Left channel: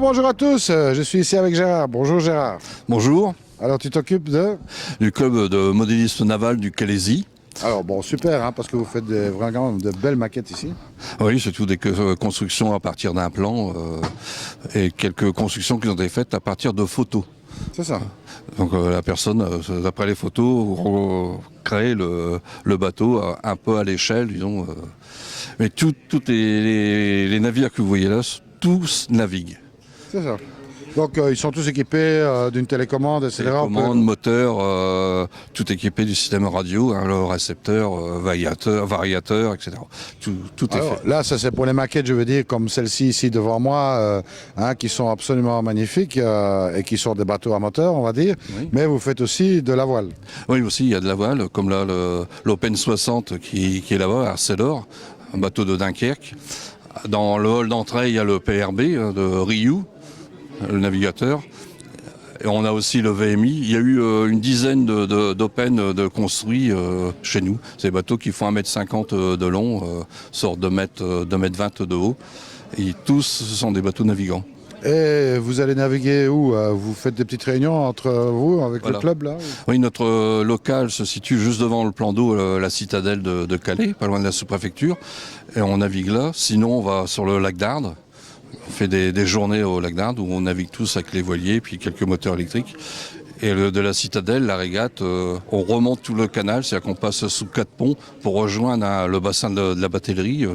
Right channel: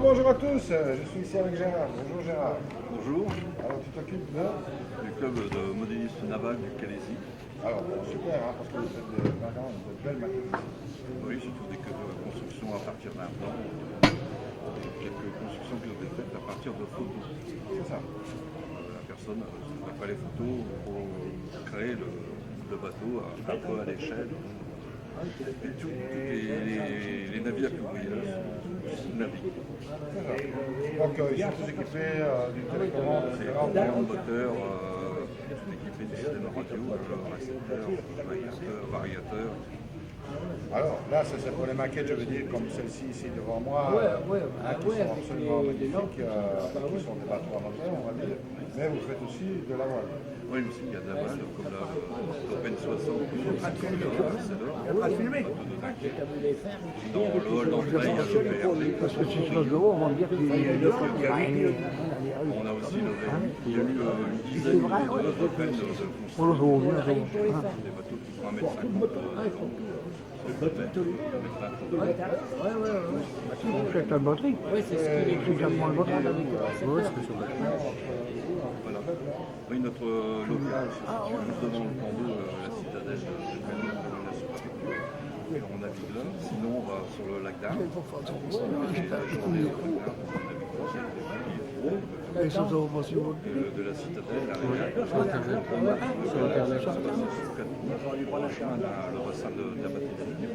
Alors bonjour à tous, je suis ici avec Gérard. Bonjour Gérard. Bonjour, Alors tu t'occupes de... du club de modélisme naval du Calaisis. Alors bon, super, hein, parce que vous faites vraiment de belles maquettes ici. Oui, c'est tout des constructions à partir d'un plan et quelques constructions qui ont été faites à partir de photos. C'est ça. Donc la personne, d'après les photos, crée le bateau un peu à l'échelle, disons. Mais tous les navires que vous voyez là, tous naviguent. C'est ça. Donc ils sont tous équipés d'une télécommande, etc. Commande, moteur, tout équipé du système radio, hein, le récepteur, variateur, etc. Tout est Alors, fait. là, ça c'est pour les maquettes, je veux dire, comme celle-ci ici devant moi, hein, qui sont absolument magnifiques et qui sont des bateaux à moteur, on va dire. Oui. Mais vous faites aussi de la voile. Oui, aussi, il y a de la voile, comme là, l'Open 60 qui est là-bas, à Célor, un bateau de Dunkerque. Dans le hall d'entrée, il y a le PRB de Ryu, le navigateur. Et on a aussi le VMI. Il y a eu une dizaine d'Open de construits chez nous. C'est des bateaux qui font 1,50 m de long, sur 2,20 m de haut. Et tous, ce sont des bateaux navigants. Et vous allez naviguer où? Vous faites des petites réunions entre vous, avec Voilà. le club là? Oui, notre local se situe juste devant le plan d'eau, la citadelle de Calais, pas loin de la sous-préfecture. Et on navigue là. Sinon, on va sur le lac d'Ardes. On fait des journées au lac d'Ardes où on navigue tous avec les voiliers puis quelques moteurs électriques. Et de la citadelle, la régate, on remonte tout le canal, c'est-à-dire qu'on passe sous 4 ponts pour rejoindre le bassin de la batellerie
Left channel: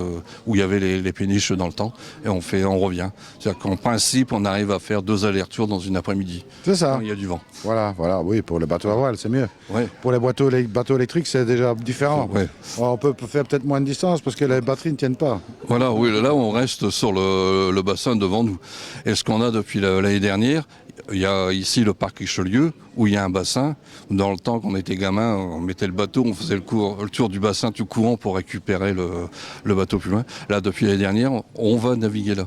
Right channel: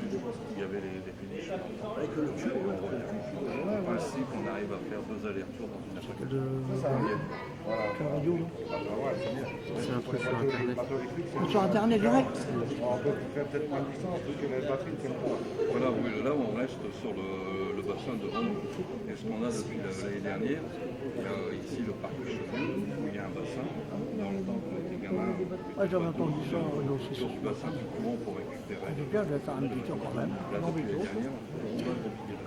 où il y avait les péniches dans le temps. Et on revient. C'est-à-dire qu'en principe, on arrive à faire 2 allers-retours dans une après-midi. C'est ça. Il y a du vent. Voilà, oui, pour les bateaux à voile, c'est mieux. Ouais. Pour les bateaux électriques, c'est déjà différent. Ouais. On peut faire peut-être moins de distance parce que les batteries ne tiennent pas. Voilà, oui, là on reste sur le bassin devant nous. Et ce qu'on a depuis l'année dernière, il y a ici le parc Richelieu où il y a un bassin. Dans le temps qu'on était gamin, on mettait le bateau, on faisait le tour du bassin tout courant pour récupérer le bateau plus loin. Là, depuis l'année dernière, on va naviguer là.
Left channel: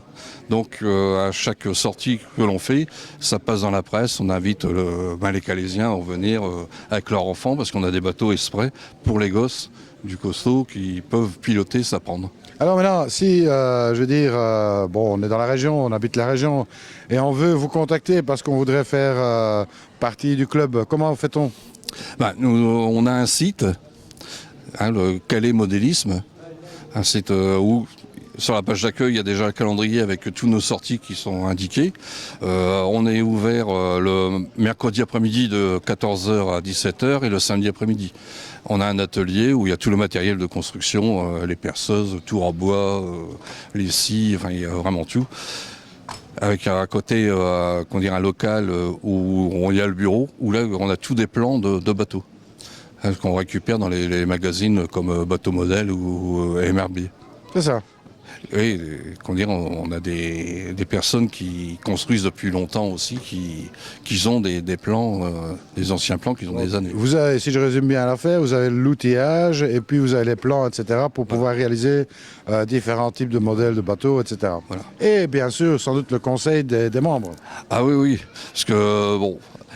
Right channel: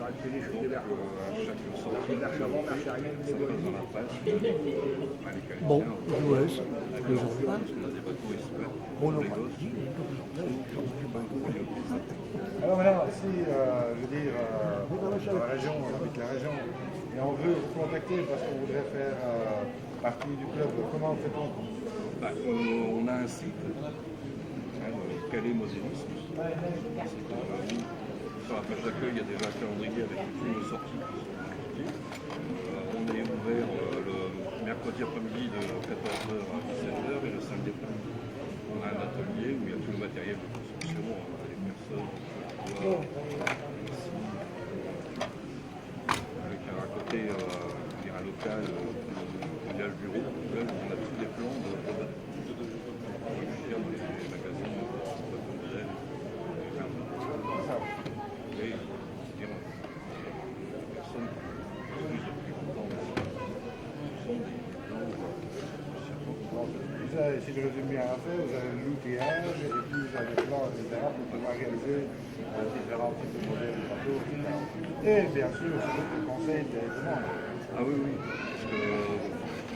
Donc à chaque sortie que l'on fait, ça passe dans la presse. On invite les Calaisiens à venir avec leurs enfants parce qu'on a des bateaux exprès pour les gosses du costaud qui peuvent piloter, s'apprendre. Alors maintenant, si, je veux dire, bon, on est dans la région, on habite la région, et on veut vous contacter parce qu'on voudrait faire partie du club, comment fait-on? On a un site, hein, le Calais Modélisme, un site où sur la page d'accueil, il y a déjà un calendrier avec tous nos sorties qui sont indiquées. On est ouvert le mercredi après-midi de 14 h à 17 h et le samedi après-midi. On a un atelier où il y a tout le matériel de construction, les perceuses, tours en bois, les scies, enfin il y a vraiment tout. Avec à côté un local où il y a le bureau, où là on a tous des plans de bateaux. Hein, qu'on récupère dans les magazines comme Bateau Modèle ou MRB. C'est ça. Oui, on a des personnes qui construisent depuis longtemps aussi, qui ont des plans, des anciens plans qui ont des années. Vous avez, si je résume bien l'affaire, vous avez l'outillage et puis vous avez les plans, etc. pour pouvoir réaliser différents types de modèles de bateaux, etc. Voilà. Et bien sûr, sans doute le conseil des membres. Ah oui, parce que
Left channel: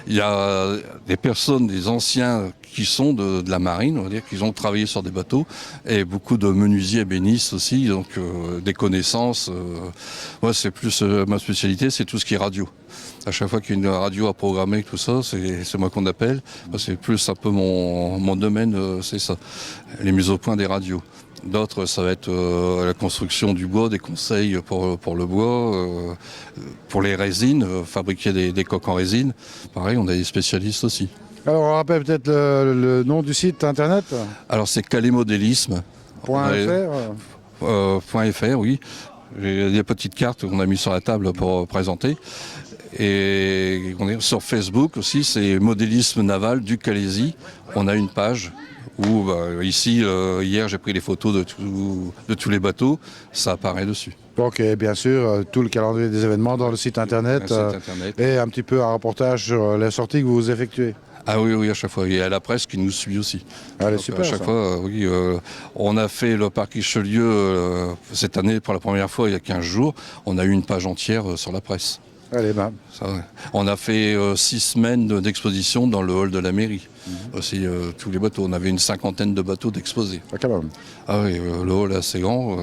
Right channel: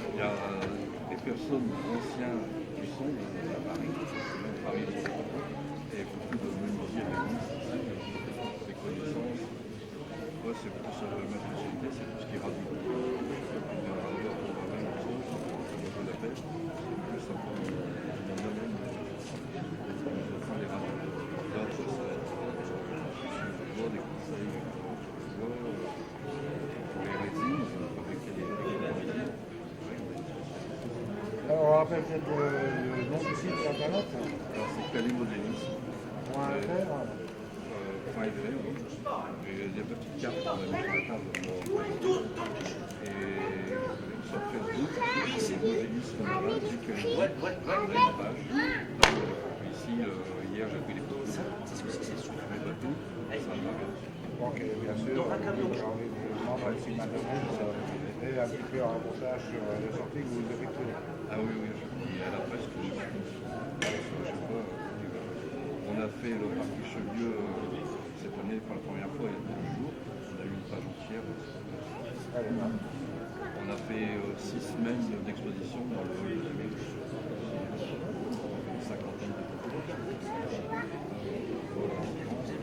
il y a des personnes, des anciens qui sont de la marine, on va dire, qui ont travaillé sur des bateaux, et beaucoup de menuisiers ébénistes aussi, donc des connaissances. Moi, c'est plus ma spécialité, c'est tout ce qui est radio. À chaque fois qu'il y a une radio à programmer, tout ça, c'est moi qu'on appelle. C'est plus un peu mon domaine, c'est ça, les mises au point des radios. D'autres, ça va être la construction du bois, des conseils pour le bois, pour les résines, fabriquer des coques en résine. Pareil, on a des spécialistes aussi. Alors on rappelle peut-être le nom du site internet. Alors c'est calaismodélisme. .fr. Oui. Il y a des petites cartes qu'on a mis sur la table pour présenter. Et sur Facebook aussi, c'est Modélisme Naval du Calaisis. On a une page où ici, hier, j'ai pris les photos de tous les bateaux. Ça apparaît dessus. Donc bien sûr, tout le calendrier des événements dans le site internet, et un petit peu un reportage sur les sorties que vous effectuez. Ah oui, à chaque fois. Il y a la presse qui nous suit aussi. Allez, super, à chaque fois, on a fait le parc Richelieu cette année pour la première fois il y a 15 jours. On a eu une page entière sur la presse. Allez, Ça, ouais. On a fait 6 semaines d'exposition dans le hall de la mairie. aussi tous les bateaux. On avait une cinquantaine de bateaux d'exposés. Ah, quand même. Ah oui, le hall est assez grand.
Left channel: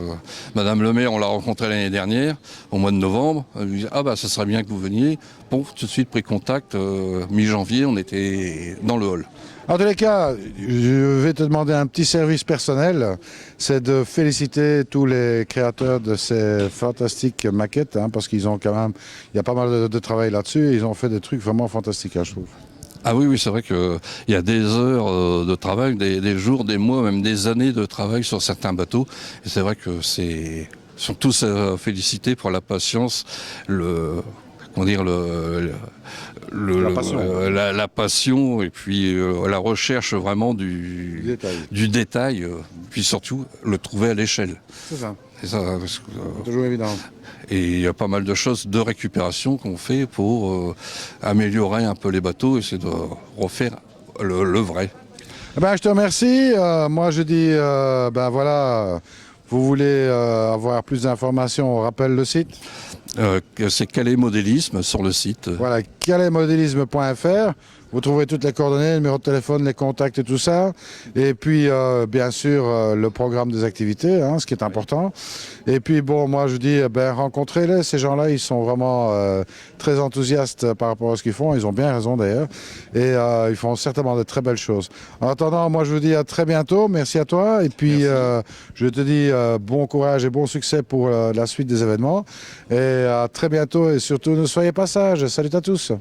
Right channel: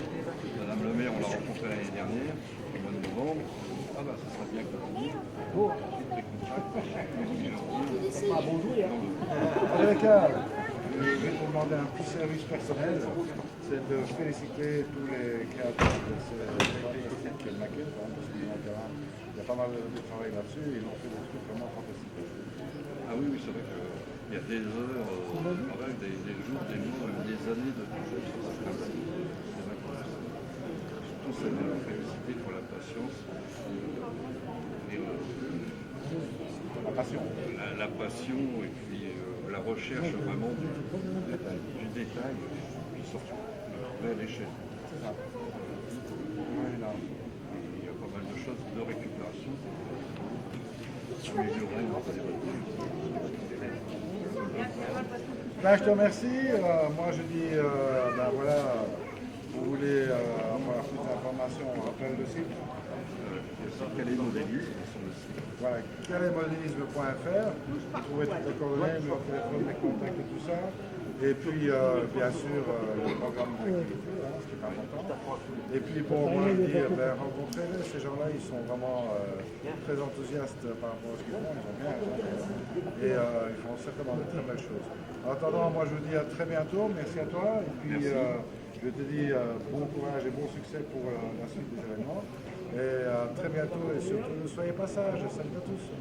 Madame le maire, on l'a rencontrée l'année dernière, au mois de novembre. Elle lui dit ah bah ça serait bien que vous veniez. Bon, tout de suite pris contact. Mi-janvier, on était dans le hall. En tous les cas, je vais te demander un petit service personnel, c'est de féliciter tous les créateurs de ces fantastiques maquettes, hein, parce qu'ils ont quand même, il y a pas mal de travail là-dessus, et ils ont fait des trucs vraiment fantastiques, hein, je trouve. Ah oui, oui, c'est vrai qu'il y a des heures de travail, des jours, des mois, même des années de travail sur certains bateaux. Et c'est vrai que sont tous félicités pour la patience, comment dire, la passion et puis la recherche vraiment du détail, puis surtout le trouver à l'échelle. C'est ça. Et ça, parce que, C'est toujours évident. et il y a pas mal de choses de récupération qu'on fait pour améliorer un peu les bateaux et c'est de refaire le vrai. Eh ben, je te remercie. Moi, je dis, ben voilà, vous voulez avoir plus d'informations, on rappelle le site. C'est Calais Modélisme sur le site. Voilà, calaismodélisme.fr. Vous trouverez toutes les coordonnées, le numéro de téléphone, les contacts et tout ça. Et puis, bien sûr, le programme des activités, hein, ce qui est important. Et puis, bon, moi, je dis, ben, rencontrez-les. Ces gens-là, ils sont vraiment très enthousiastes par rapport à ce qu'ils font. Ils ont bien raison, d'ailleurs. Et ils font certainement de très belles choses. En attendant, moi, je vous dis à très bientôt. Merci à toi. Et puis, je te dis bon courage et bon succès pour la suite des événements. Et à très bientôt. Et surtout, ne soyez pas sages. Salut à tous.